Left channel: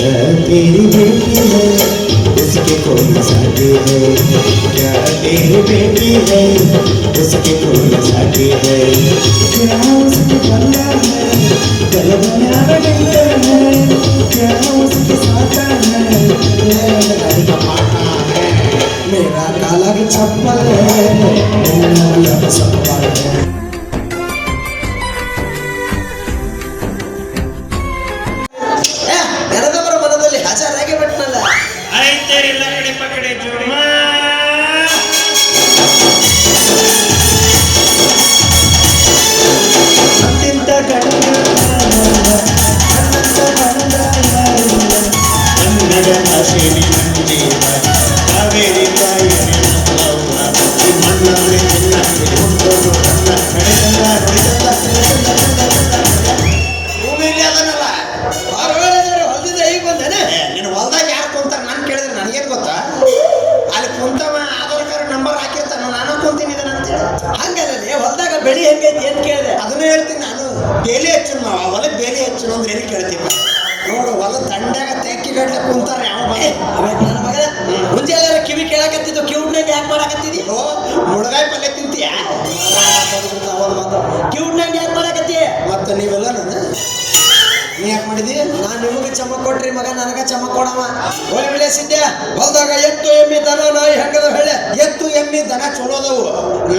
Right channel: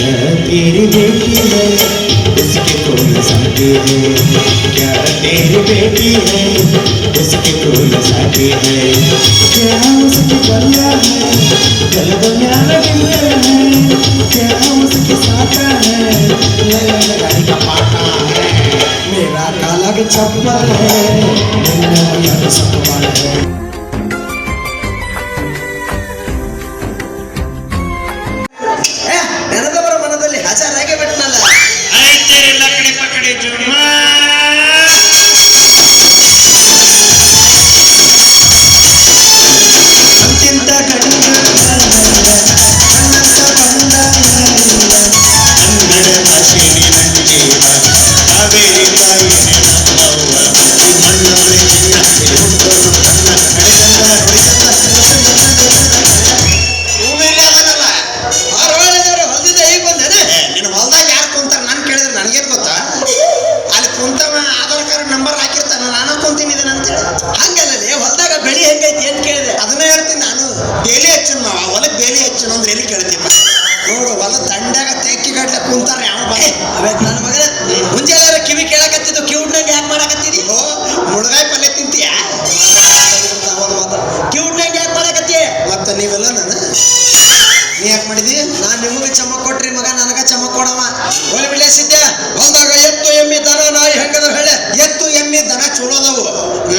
तेरी बेटी है उसके कोई साथी है क्या तेरी बेटी है उसके कोई साथी है क्या उसके बल्ला है गल बन्यार गिंदे है क्या उसके साथा है गाड़ी का पाटा है मेरा काला के चप्पल है मेरा यार चप्पल है ಬೆಳಿ ಹೆಂಗೈತಿ ಅಂತ ಕೇಳಿದೆ. ಅದನ್ನ ಹೇಳ್ತೀನಿ ನಾನು. ಬೇಲಿ ಹೆಚ್ಚನ್ ಹೊಲಕ್ಕೆ ಬೇಲಿ ಹೆಚ್ಚನ್ ಅಂದ್ರೆ ಎಲ್ಲಿ ಕೇಳ್ತೀವಿ ನೋಡು. ಹೊಲ ದಂಡಾಗ ತೆಕ್ಕಿ ಗಡ್ಲೆ ಕುಂತಾರ ಯಾವ ಅವೇ ನನ್ನ ಮಗನ ಮುಂಜಾನೆ ಕಿವಿ ಕೇಳಕತ್ತಿದ್ದು ಕಿವುಡ್ನಾಗ ಯಾಕೆ ಮಾಡಕತ್ತಿದಿ? ಮುಳಗಾಯಿ ಪಲ್ಯ ತಿಂತೀಯ? ಕಿವುಡ್ನಾಗ ಯಾಕೆ ಮಾಡಕತ್ತಿ? ಮತ್ತೆ ನೀವೆಲ್ಲ ನಾನು ನೀ ಯಾಕೆ ಮಾಡಿದಿ? ನಾನು ನಿಮಗೆ ಚಮ ಕೊಟ್ರಿ ಮಗ, ನನಗ ಚಮ ಕೊಡವ. ಒಲಿ ಬಿಳಿಸಿದ್ದೆ ಹೊಲ್ದಾಗ ಎತ್ತು ಎಮ್ಮಿ ದನ ನಾಯಿ ಹೆಂಗದ ಹೇಳೆ. ಎತ್ತು ಎಮ್ಮಿ ದನ ಚೋಳದವು,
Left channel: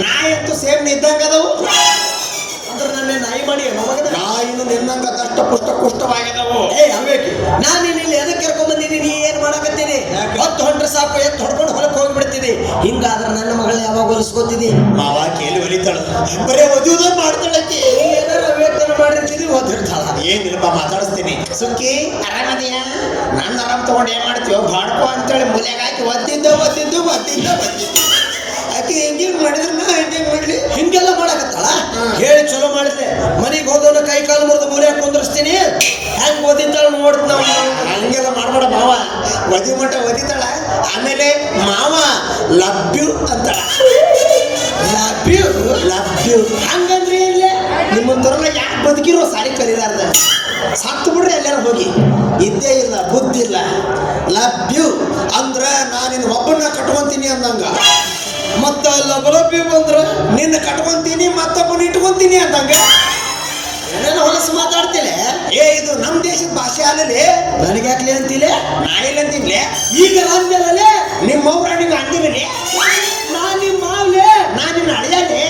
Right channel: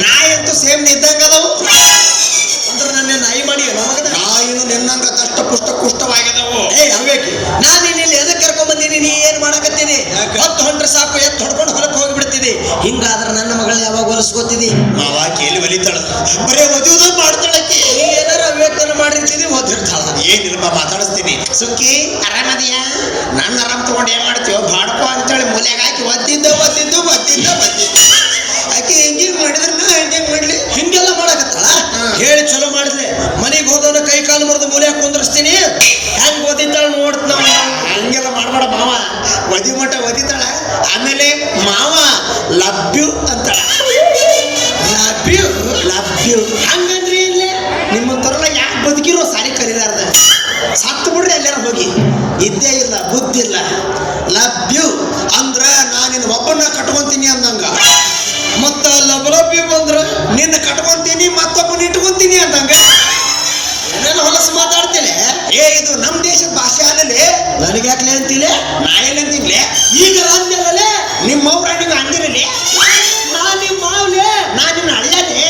ನಾಯಿ ಅಂತೂ ಸೇಮ್ ಇದ್ದಂಗ ಅದವು. ಅಂದ್ರೆ ನನ್ನ ನಾಯಿ ಮಾಡಿ ನಾಯಿನು ನಿನ್ನಂಗ ದಷ್ಟ ಪುಷ್ಟ ಕುಷ್ಟವಾಗಿದವು. ಅವೇಕಿ ನಾನು ಇಲ್ಲಿ ಎದಕ್ಕೆ ಕರ್ಕೊಂಡ್ ಬಂದೀನಿ? ನೀ ಏನ್ ಮಾಡಕತ್ತೀನಿ? ಹೊತ್ತು ಹೊಂಟ್ರೆ ಸಾಕು, ಎತ್ತು ಹೊಡ್ಕೊಂಡು ಹೊಲಕ್ಕೆ ಹೋಗ್ಬಿಡ್ತೀನಿ. ಹಿಂಗಾದ್ರೆ ನನ್ನ ಮಗಳು ಯಾವಾಗ ಹೊಲಿಸ್ಕೋತಿದಿ? ಮಾವ ಕೇಳಿ ಒಲಿತಾಳ, ಬರೇ ಒದಿಯುದ ಮಾಡ್ತಾಳಕ್ಕೆ. ಏನಾರ ಅವೇತನ ಮಾಡಿರ್ತೀನಿ, ಓದಿರ್ತಾಳ. ಏನಿಲ್ಪ ಮಾತಾಡಿಸ್ತೀನಿ. ಸುಖಿ ಆರಾಮದಿಯ? ನನ್ನ ಆರಾಮ್ ತಗೊಂಡು ಏನ್ ಮಾಡ್ತೀವ? ಬಾಡ್ಕೋ ಅಂತೇಳಿ ಮನೆಯಾಗ ಹಾಕಿ ಒದ್ದಿದ್ದ ಆಕೆ ಹೆಂಗಿಂಗ್ ಮಾಡಿದ್ರೆ ನಾ ಹೆಂಗೆ ಮಾಡ್ಲಿ? ಹಿಂಗೆಲ್ಲ ಮಾಡಕತ್ತಾಳ. ಹೇಳಿ ಚಲೋ ಮಾಡಿದ್ಲೆ. ಮನೆಗೆ ಹೋದವನ ಕೈ ಕಾಲು ಮುರಿದು ಮೂಲೆಯಾಗ ಕುಂದ್ರಿಸ್ತೀನಿ. ಹೆಂಗ್ ಓದಿದ್ದಾಳ ನೋಡ್ತ. ಹಂಗೆಲ್ಲ ಮಾಡ್ಬೇಡ ಮಾವ. ಒದಿ ಮಟ್ಟ ಒದಿತಾಳ. ಆಮೇಲೆ ಮಾವ ಲಭ್ಯು ಅಂತಾಳ. ಲಭ್ಯು ಹಂಗಂದ್ರಿ ಇಲ್ಲೇ ನಿಮ್ಮಂತವ್ರಲ್ಲ ಯಾಕೆ ಬದುಕಿರೋ ಸಾರಿ ಕಲಿಲಾರ್ದ ಸತ್ತು ಬಿಡ್ರಿ ಎಲ್ಲಾರ ಹೋಗಿ. ಇದ್ದೇ ಇಲ್ಲ, ಬುದ್ಧಿ ಇಲ್ಲ. ಲಭ್ಯು ಅಂದ್ರ ನಾನಿನ್ ಒಬ್ಬನ ಕಟ್ಕೊಂತೀನಿ ಅಂದಂಗ. ಮತ್ತ ಲಭ್ಯು ಅಂದ್ರ ನಿನ್ನ ಕಟ್ಕೊಂತೀನಿ ಮತ್ತೊಬ್ಬನ ಇಟ್ಕೊಂತೀನಿ ಅಂದಂಗ. ಏನೇನು ಹೊಲಸು ಮಾತಾಡ್ತಿಲೆ? ಇದು ನಮ್ ದೇಶದ ಭಾಷೆ ಅಲ್ಲೇ. ನನಗೆ ಯಾಕಲೆ ಅಂತಿಲೆ? ನಾ ಎಲ್ಲಿ ಅಂತಿನ್ಲೆ? ಈಗ ಅಂದ್ಯಲ್ಲೇ ನಿಮ್ಮವ್ರ ನೀವು ಅಂದಿರಲಿ. ನಾನ್ ನಿಮ್ಮ ಮಾವ್ಲೆ, ನಾನ್ ನಿನ್ನ ಅಳಿಯಲೆ.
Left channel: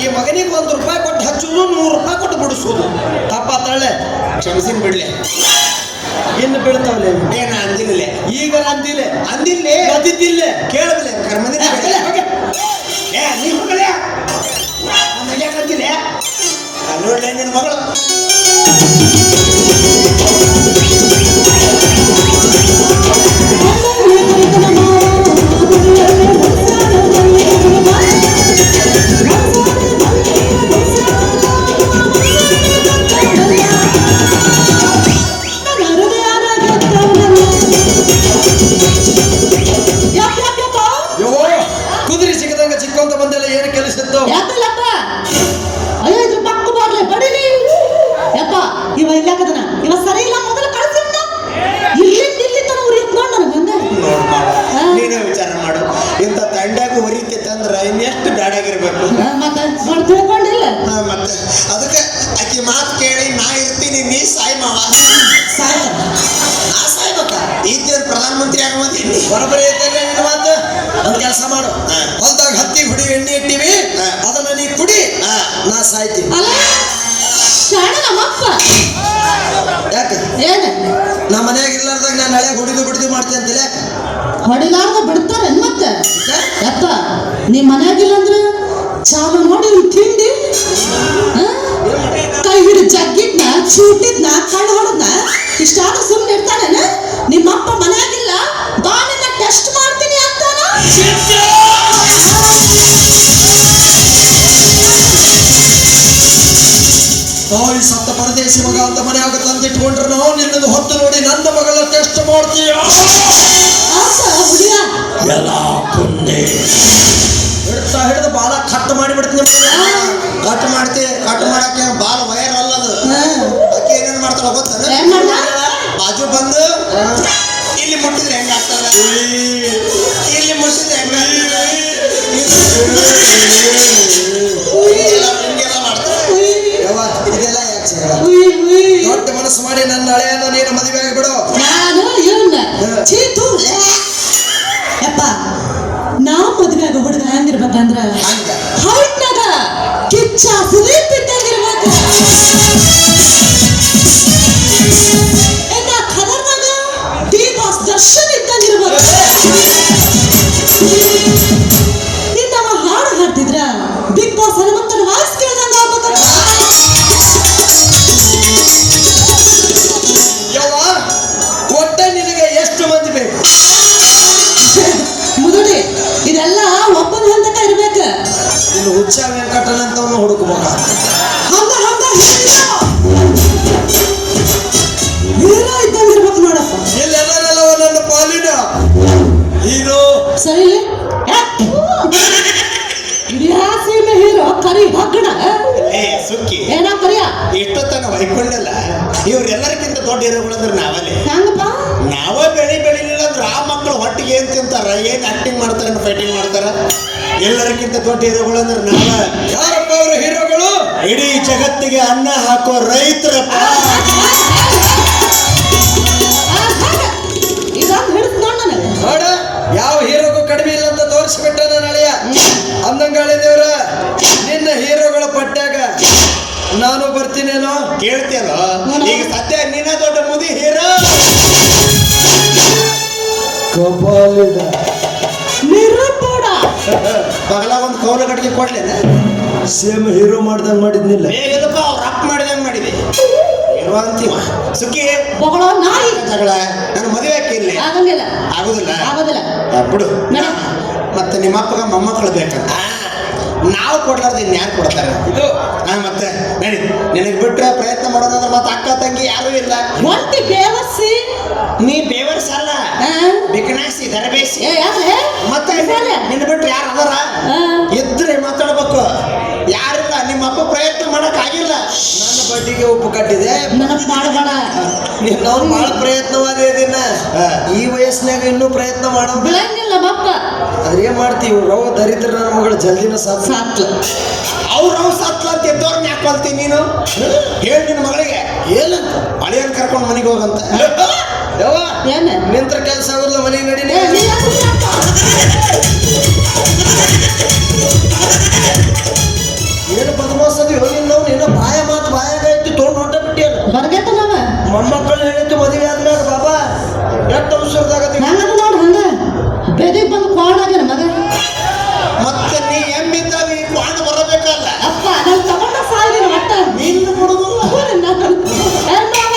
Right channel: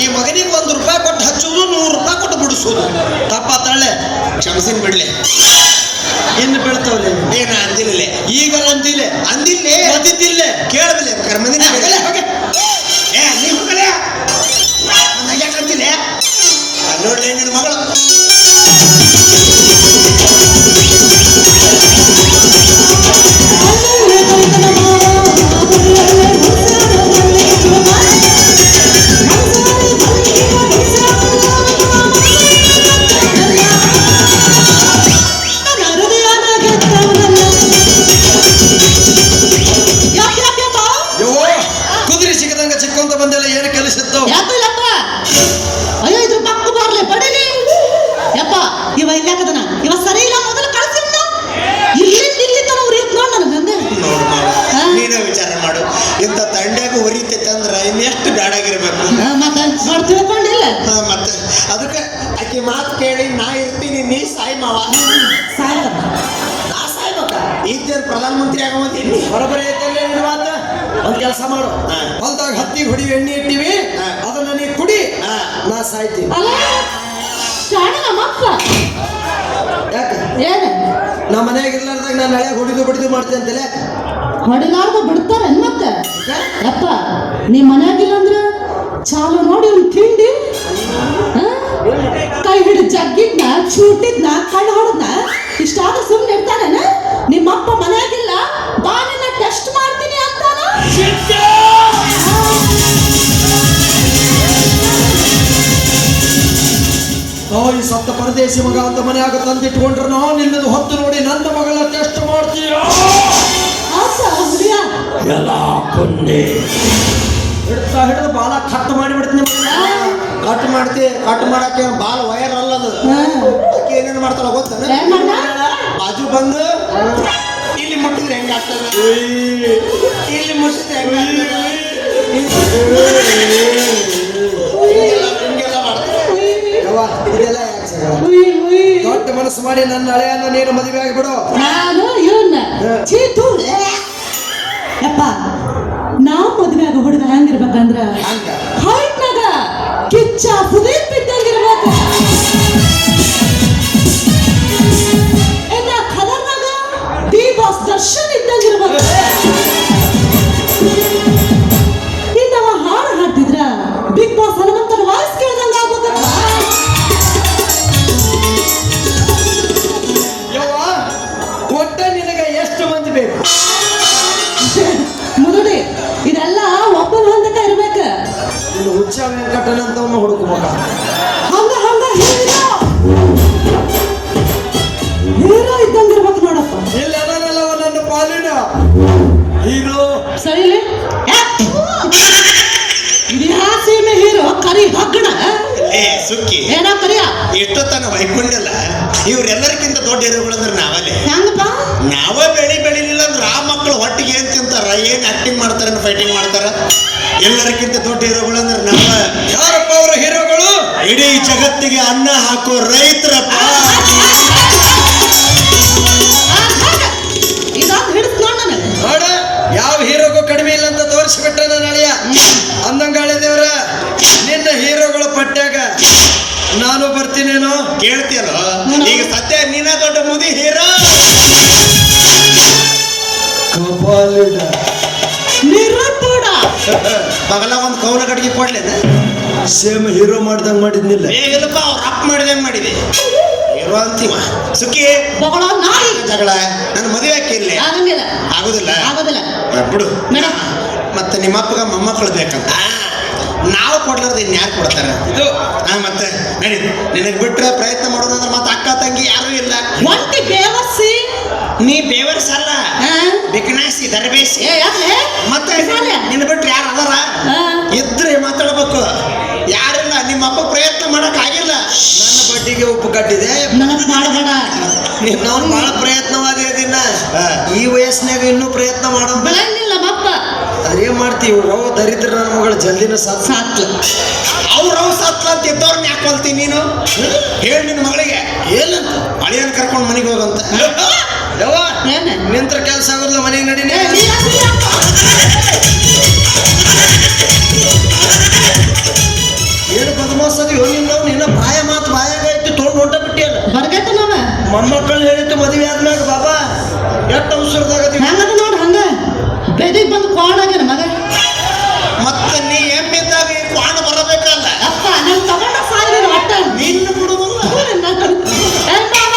ಈ ಮಗನಿಗೆ ₹1 ಕೊಟ್ಟು ಹಚ್ಚುದು, ₹100 ಕೊಟ್ಟು ಬಿಡಿಸೋದು ತಪ್ಪಾತಾಳೆ. ಕ್ಷಮಸಿನ್ ಬಿಡ್ಲೆ. ಇನ್ನು ಬೀಳ್ತಾವಲೆ. ಏನ ಅಂದಿಲ್ಲ? ಈಗ ಅಂದಿಲ್ಲ ಓದಿದ್ದಿಲ್ಲ. ಕೇಳಬಲ್ಲ ಕರ್ಮಂದಿನ ನೀವು ಹೋಗಲೇ ಯಾಕಂತಿಲ್ಲ? ನೋಡ್ಲೆ ನಿನ್ನ ಮಗಳು ಕುದುರೆ ಸಿಗದಂಗ ಚಿಕ್ಕೊಂತ ಬಂದೆಲ್ಲ ಏನು ಕೆಲಸಿತ್ತು? ನೀನೇ ವಿಚಾರ ಮಾಡು. ಇಂಥ ತಂಡ್ಯಾಗ ಹೊರಿತೈತೆ ಅಂದ್ರ ಇನ್ನೆಷ್ಟು ಬ್ಯಾಡಾಗಿರ್ಬೇಕು. ಮತ್ತೆ ಅದಕ್ಕೆ ಆಕಿ ಮಾತು ಕೇಳಿ ನಾ ಇರ್ತೀನಿ, ನೀ ಸಾಯಿ ಮಾವ. ಸಾಯ್ಬೇಕ ಇದ್ದೇನು ಪ್ರಧಾನಮಂತ್ರಿ ಆಗಮತ್ತೀನಿ. ಬರೋಬರಿ ಐತಲ್ಲ ನಿನ್ನ ಮಾತು. ಒಂದ್ ಕೆಲಸ ಮಾಡು, ಹೊಲ್ದಾಗ ಹತ್ತಿ ಹುಡಿ ಎಣ್ಣೆ ಇಟ್ಟಿವಿ, ಅದನ್ನ ನೀ ಕುಡಿ, ನಾ ಸಾಯ್ತೀನಿ. ಯಾಕೆ ನಮ್ಮ ಮನ್ಯಾಗ ಇರ್ಲಾರ್ದಾಗ ನಾನು ನಾಳೆ ಹುಡಿದು ಬಿಡ್ದು ಮಾಡ್ತೀನಿ ಅಂತಿಲ್ಲ. ಹೊಡಿಲಾರ್ದ ಬಿಡ್ತಾರೆ ಮತ್ತೆ ಯಪ್ಪ. ನಿಮ್ ಮನ್ಯಾಗಿಲ್ಲ ಅಂದ್ರ ಚಾಲು ನೋಡಿ ತಿಂಡಿ ಕೈ ಹಿಡಿದು ಜಗ್ಗಿದ್ನ ಚೂಟಿದ್ನ ಕಣ್ಣು ಹೊಡೆದ್ನ ಇಷ್ಟಾದ್ರೂ ಸುಮ್ಮನೆ ಇರ್ತಾನೇನ? ನಿಮ್ಮಪ್ಪ ಮನ್ಯಾಗಿಲ್ಲ, ಬಾನಿನ ಟೆಸ್ಟ್ ಮಾಡ್ತೀನಿ ಅಂತಾನ. ತಾಯಿ ಸತ್ತ ಪರದೇಶಿ ಮಗ ಅಂತ ಮನ್ಯಾಗ ತಂದಿಟ್ಕೊಂಡ್ರೆ ನಾವು ನಿನ್ನದು ಹೊತ್ತು ನೋಡಿ ನನ್ನ ಮಗಳ ಟೆಸ್ಟ್ ಮಾಡ್ತೀಯ. ಎಲ್ಲ ಪುಣ್ಯ ಹಿಡಿದು ಬಾಲ ಕಟ್ ಮಾಡಿಬಿಡ್ತೀನಿ. ಕಟ್ ಮಾಡ್ತಿ, ಕಟ್ ಮಾಡಕ್ಕೆ ಬಾಲ ವಯರ್ ಅಲ್ಲದು. ಅಕ್ಕಿ ಏನೇನು ಮಾಡ್ತಾಳ ಗೊತ್ತ? ಬಾಜು ಬಾಜು ಬಂದು ಇಲ್ಲಿ ಮುಟ್ಟಿದ್ರೆ ಹೆಂಗಾಗ್ತದ ಇಲ್ಲಿ ಮುಟ್ಟಿದ್ರೆ ಹೆಂಗಾಗ್ತದ ಹಿಂಗೆಲ್ಲ ಮಾಡ್ತಾರೆ ಯವ್ವ ಇದೆಲ್ಲ ಯಾಕೆ ಸರ್ ದೊಡ್ಡ ಮನಸ್ಸು ಮಾಡಿ ನನ್ನ ಹಳೆಯನ್ನ ನೀನು ಮದುವೆ ಆಗಿಬಿಡು ನಾನು ಇವನ್ನ ಚೀತು ಯಪ್ಪ ನಾ ಮದುವೆ ಆಗೋ ಹುಡುಗ ಹೆಂಗಿರ್ಬೇಕಂದ್ರ ಹಂಗ ಹೈಟ್ನಾಗ ಕಿಚ್ಚ ಸುದೀಪ್ ಇದ್ದಂಗಿರ್ಬೇಕು ಇನ್ನ ಖದರ್ನಾಗ ಡಿ ಬಾಸ್ ದರ್ಶನ್ ಇದ್ದಂಗಿರ್ಬೇಕು ಇನ್ನವ ಹಾಡು ಹಾಡ್ತಿದ್ರ ಬಿಗ್ ಬಾಸ್ ಹನುಮಂತನ ವಾಯ್ಸ್ ಕೇಳ್ದಂಗ ಆಗ್ಬೇಕಂತ ಯವ್ವ ಒಟ್ಟ ನಿನಗೆ ಎಷ್ಟು ಮಂದಿ ಬೇಕು ಮುದುಡಿ ಇದೆಲ್ಲ ಒಬ್ಬನ ಹೊಂದಕ ಇರ್ಬೇಕ ಇನ್ನು ಹುಚ್ಚ ವೆಂಕಟನಂತವನ್ನ ಹುಡುಕು ಮಗ ಹಂಗ ಹಂಗ ಹೀರೋ ಇದ್ದಂಗಿರ್ಬೇಕು ನೋಡಪ್ಪ ಇಲ್ಲೆಲ್ಲರೆಲ್ಲವ ನನ್ನ ಪಾಲಿನ ಇದು ಸರಿ ಇಡೀ ಸೀಮೆ ಹೀರೋ ಕರಿ ಹಗ್ಗಣ ಏ ಸುಕ್ಕಿ ಏನ ಕರಿಯ ಎಷ್ಟೊತ್ತನ ವೈಕೊಂಡಲ್ಲ ಇವ್ರೆಲ್ಲರಿಗಿಂತ ದೊಡ್ಡ ಹೀರೋಗಳಂದ್ರೆ ನಾವಲ್ಲೇ ಹೆಂಗಪ್ಪ ನಾವ ಬೆಳಿಲಿಲ್ಲ ಅಂದ್ರೆ ಆ ಮಕ್ಕಳು ಹೊಟ್ಟಿಗೆ ಏನ್ ತಿಂತಾರ ಏನ್ ಆಕ್ಟಿಂಗ್ ಮಾಡ್ತಾರ ಫೈಟಿಂಗ್ ಮಾಡ್ತಾರ ಎಲ್ಲರಿಗಿಂತ ದೊಡ್ಡ ಹೀರೋಗಳಂದ್ರೆ ನಾವ ಯಾರಪ್ಪ ಅವರ ಹೀರೋಗಳು ಇಡೀ ಜಗತ್ತಿಗೆ ಅನ್ನ ಹಾಕೋ ರೈತರಪ್ಪ ಇದೊಂದು ಹಿಡಿಸ್ ನೋಡ್ ನನಗೆ ನೋಡ ಯಾವ ಹೀರೋಗೂ ಕಡಿಮೆ ಇಲ್ಲ ಅಂತ ತೋರಿಸ್ಬಿಟ್ಟ ನನ್ನ ಹಳೆಯ ಅಂದಂಗಾಳೆ ದೇವ್ರ ನಿನ್ನ ಹೀರೋಗಳ ಪಟ್ಟ್ಯಾಗ ನಾನು ಬರ್ತೀನೇನೋ ಕೇಳ್ತಿಯಲ್ಲ ಈಗ ಸದ್ಯ ನೀನ ದೊಡ್ಡ ಮುದಿ ಹೀರೋ ಕಪಾಲಿಡ ನಿರುಪೂಡ ಬಗಲ ಒಂದು ಕೌಲ ಕಟ್ಟಿಗೆ ಕೊಡ್ಲೇನ ಸೇಮ್ ಹೀರೋ ಮಾಡ್ದಂಗ್ ಮಾಡಿದ್ನಿಲ್ಲ ಇಲ್ಲಪ್ಪ ಅವ್ರು ಅಪ್ ಮಾಡಿದಂಗೆ ಮಾಡಿದೆ ಹೀರೋ ಅಂತೀವ ಸುಕ್ಕಿ ಬಗಳ ನಾಯಿ ಜಗಳ ನನ್ನ ಮದುವೆ ಹಾಕಿರ್ಲಿ ಆಗಂಗಿಲ್ಲ ಆಗುದಿಲ್ಲ ಆಗೋದಿಲ್ಲ ಬಿಡು ಮೇಡಮ್ ಮತ್ತೆ ನಿಮ್ಮ ಅಪ್ಪಗ ಮೊಮ್ಮಕ್ಕಳು ಬೇಕಂತ ನಾವು ಕೊಡ್ಲಾರ್ದು ಇನ್ಯಾರು ಕೊಡ್ತಾರ ಇದು ಮತ್ತೆ ನಡಿ ನಿನಗೆ ಬಿಟ್ರೆ ಪ್ರಯತ್ನ ಮಾಡೋಣ ಅಂದ್ರೆ ಮತ್ತೆ ಅಕ್ಕ ತಂಗಿ ಯಾರು ಇಲ್ಲ ಒಂಟಿ ಬೇವರ್ಸಿ ನೀ ಬೇವರ್ಸಲ್ಲ ಬಿಕನಾಸಿ ದರಬೇಸಿ ಏ ಯಾಕೆ ಮತ್ತೆ ಸಾಲೆ? ನಿನ್ನ ಬಿಟ್ರೆ ಯಾರು ಅದರ ಇದ್ರೆ ಮಾತಾಡ್ಬೇಕು ಯಾರಿಲ್ಲ ನಿಮ್ಮ ಅಪ್ಪ ಪ್ರಯತ್ನ ಮಾಡಕ್ ಆಗಿಲ್ಲ ನನ್ನ ಬಡ್ಡಿಗೆ ಉಪ್ಪು ಕಟ್ಟಿದೆ ನನಗ್ ಮಾಡಬೇಡ ನಾವು ಬಹಳ ಪ್ರಯತ್ನವಾಗಿ ಇದನ್ನ ಈ ವಯಸ್ಸಿನಾಗ ಇನ್ನೂ ಪ್ರಯತ್ನ ಮಾಡೋ ಬೆಳಂಗಿಲ್ಲ ಮಪ್ಪ ಆದ್ರೆ ಏನ್ ಮಾಡ್ತೀವಿ ಅವ ದರಿದ್ರ ನನ್ನ ಮಗಳ ಜಲ್ದಿನ ಸಾಧ್ಯ ಸಾತ್ಲು ಅವ್ರು ಸತ್ಲ ಅಂತ ಇದ್ದವ್ರನ್ನ ಯಾಕೆ ಕೊಲ್ತೀನಿ ನೀನು ಹೇಳಿ ನಿನ್ನ ಮಗಳಿಗೆ ಏನಂತ ಹಳೆಯನ್ ಕರ್ಕೊಂಡು ಮನೆಗೆ ಹೋಗಂತ ಯವ್ವ ಏನ ನಿಂತ್ರ ಕೆಲಸ ಆಗುದಿಲ್ಲ ಮನೆಗೆ ನಡೀನಿ ಏನು ಬದಮಾಸದಿ ಹೋಗಿ ನಾವು ನಿನ್ನ ಬಾಯ ಮಾತು ಬಾಯಾಗ ಇಟ್ಟು ತೊಗೊಂಡು ಹೊಂಟ ಬಿಟ್ಟಿಯಲ್ಲ ಹೊರಗಟ್ಟ ನಾವ ಮೊಮ್ಮಕ್ಕಳು ಹೇಳಿದ್ದು ಮದುವೆ ಆದ್ಮ್ಯಾಗ ಬಾಬಾ ಎಷ್ಟು ಅವಸರದಾಗತ್ತೀವಿ ಹೆಂಗದ ನೋಡ್ ಹಂಗ ಬೆದಿಗ್ ಬಂದು ಕೋಣಾಗ್ಯಾನ ಮಗ ಮತ್ತೆ ನೀ ಎಂಬಿದ್ದಾಗ ಈ ಕ್ವಾಣ ಬರಬೇಕಲ್ಲ ಅಪ್ಪ ನಾನು ತಗೊಂಡ ಸಾಯ್ಯಾನ ಒಟ್ಟ ನಿನ್ನ ಬಿಡುವುದಿಲ್ಲ ಏ ಮಾವ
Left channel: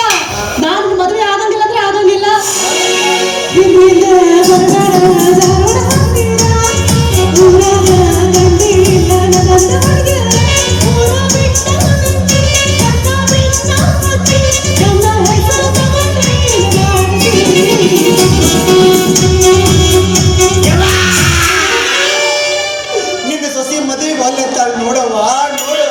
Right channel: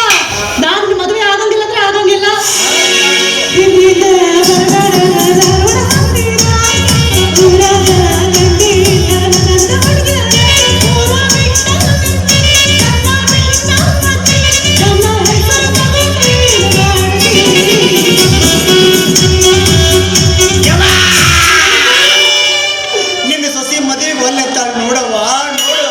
ನಾನು ಮದುವೆ ಆಗಂಗಿಲ್ಲ ಅಂದ್ರೆ ಆಗಂಗಿಲ್ಲ ನಿನ್ನ ಸೊಸಿ ಮದುವೆಗೆ ಒಲ್ಲೆತ್ತಾಳ ನೋಡವ್ವ ನೋಡು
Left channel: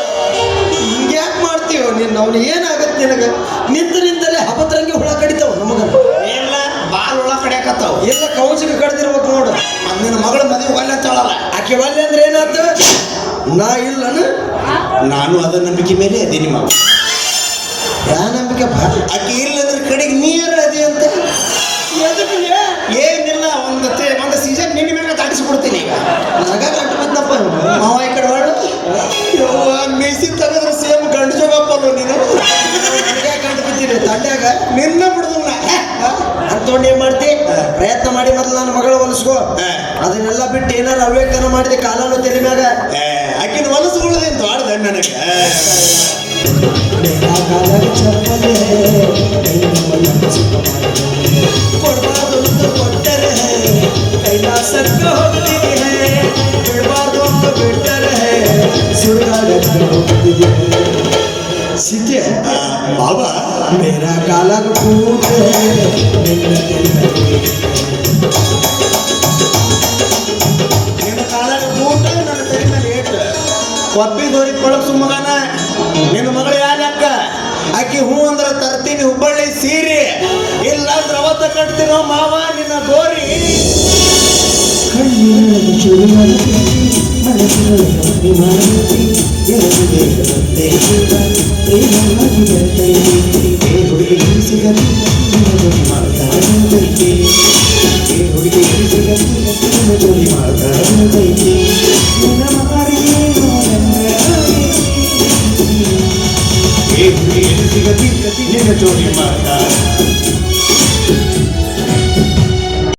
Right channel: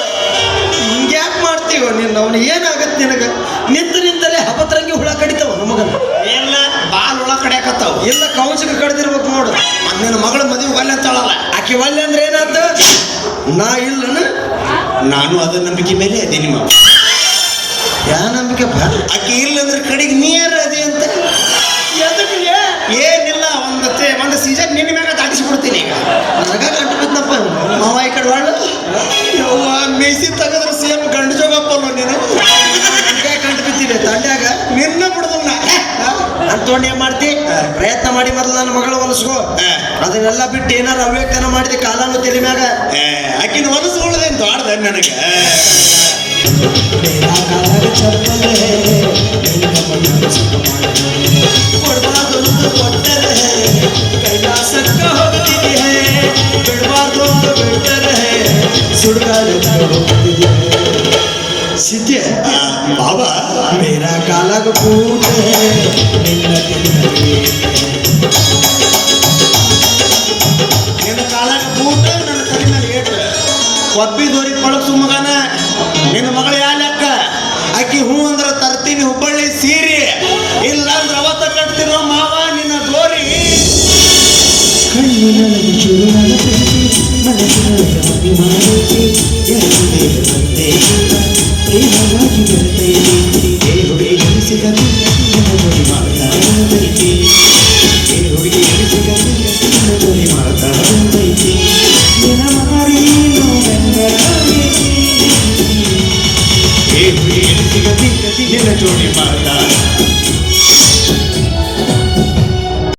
ಹಿಂಗ್ಯಾಕ್ ಮಾಡ್ತೀವ ನೀನು ಅವ್ನು ಏನಾಗತ್ತೆ ನಿನಗ ನಿಂತರಿಂದಲೇ ಹಬತ್ರಂಗಿ ಹುಳ ಕಡಿತಾವ ನಮಗನ ಎಲ್ಲ ಬಾಲ್ ಉಳ್ಳ ಕಡೆಕತ್ತಾವ ಎಲ್ಲ ಕೌನ್ಸಿಗೆ ಕಡ್ದಿರ್ಬೇಕು ನೋಡು ನಿನ್ನ ಮಗಳ ಮದುವೆ ಒಲ್ಲೆತ್ತಾಳಲ್ಲ ಆಕೆ ಒಲ್ಲೆ ಅಂದ್ರೆ ಏನಾತ ನಾ ಇಲ್ಲನ ನಾನು ಅದ ನಂಬಿಕೆ ಮೇಲೆ ಅದೇ ನಿಮ್ಮ ಯಾ ನಂಬಿಕೆ ಬಾ ಆಕೆ ಇಲ್ಲಂದ್ರೆ ಕಡೆಗೆ ನೀರು ಅದೇ ಅಂತ ಏನಿಲ್ಲ ಒಂದು ಸೀಸನ್ ನಿನ್ನ ಮ್ಯಾಗ ದಾಟಿಸ್ಬಿಡ್ತೀನಿ ಈಗ ನನಗ ಕಟ್ಟು ಬಿದ್ದಪ್ಪ ಮಾವ ಈ ಕಡೆ ಒಳ್ಳೆ ಮೇಸಿ ತೆಗೆದ್ರೆ ಸೇಮ್ ಗಂಡು ಜೋಗಪ್ಪಲ್ಲ ನೀನು ನನಗೆ ಕಂಡು ಬಿದ್ದೀನಿ ತಂಡ್ಯಾಗ ನಿನ್ನ ಬಿಡುದಿಲ್ಲ ಅಂತೊಂಡು ಏನ್ ಮಾಡ್ತಿ ಪ್ರಯತ್ನ ಮಾಡಿ ಮೊದಲು ನನ್ನ ಮಗಳು ಹೊಲಿಸ್ಕೋ ಅದನ್ನೆಲ್ಲ ಬಿಟ್ಟು ಏನಾರು ಅವ್ಯಕ್ತನ ಮಾಡಿದೆ ಕಾಲನು ತೆಲಿ ಮ್ಯಾಗ ಆಕಿನ ಹೊಲಸುಗಳದೇನು ದೊಡ್ಡದ ನನಗೆ ಕೊಡಬಾರ್ದು ಕೊಟ್ಟರೆ ಕೈಲಾಸಕ್ಕ ಹೋಗ್ತಿದೆ ಬಿಡಬಾರ್ದು ಅಂತ ಬಿಟ್ಟರೆ ಸುಡುಗಾಡಕ್ಕೆ ಹೋಗ್ತಿದೆ ಸಿದ್ಯ ಬಾಬಾ ಮೇರಾ ಕಾಲಾಗ ಕೂತ ನಿನ್ನ ನಿನ್ನ ಕಾಲಾಗ ಬೂಟ ನನ್ನ ತಲೆ ಮೇಲೆ ಏಟು ಕೊಬ್ಬಿದವ್ರಿಗೆ ಪಳಸು ಮಗನ ನಿನ್ನ ಮಗಳು ಯಾಲಕ್ಕ ಆಕಿ ಹೂ ಅಂದ್ರೆ ತರ್ತೀನಿ ಹುಬ್ಬಳ್ಳಿ ಸೀರೆ ಇಲ್ಲ ಶುರುವಾದ ಪ್ರೀತಿ ಮನಸ್ಸಿನೊಳಗೆ ಅಭಿಮಾನಕ್ಕೆ ಇರದೆ ಮತ್ತೆ ಪ್ರೇಮವಾಗಿ ಬರ್ತೈತಿ ಹುಡುಗಿ ಸಿಗಲಿ ನಿನ್ನ ಜೋಡಿ ಮಾತಾಡತೈತಿ ಹುಡುಗಿ ಸಿಗಲಿ ನಿನ್ನ ಜೋಡಿ ಮಾತಾಡತೈತಿ ನಿನ್ನ ಮಾರಿ ಹುಡುಗಿ ಸಿಗಲಿ ನಿನ್ನ ಜೋಡಿ ಮಾತಾಡ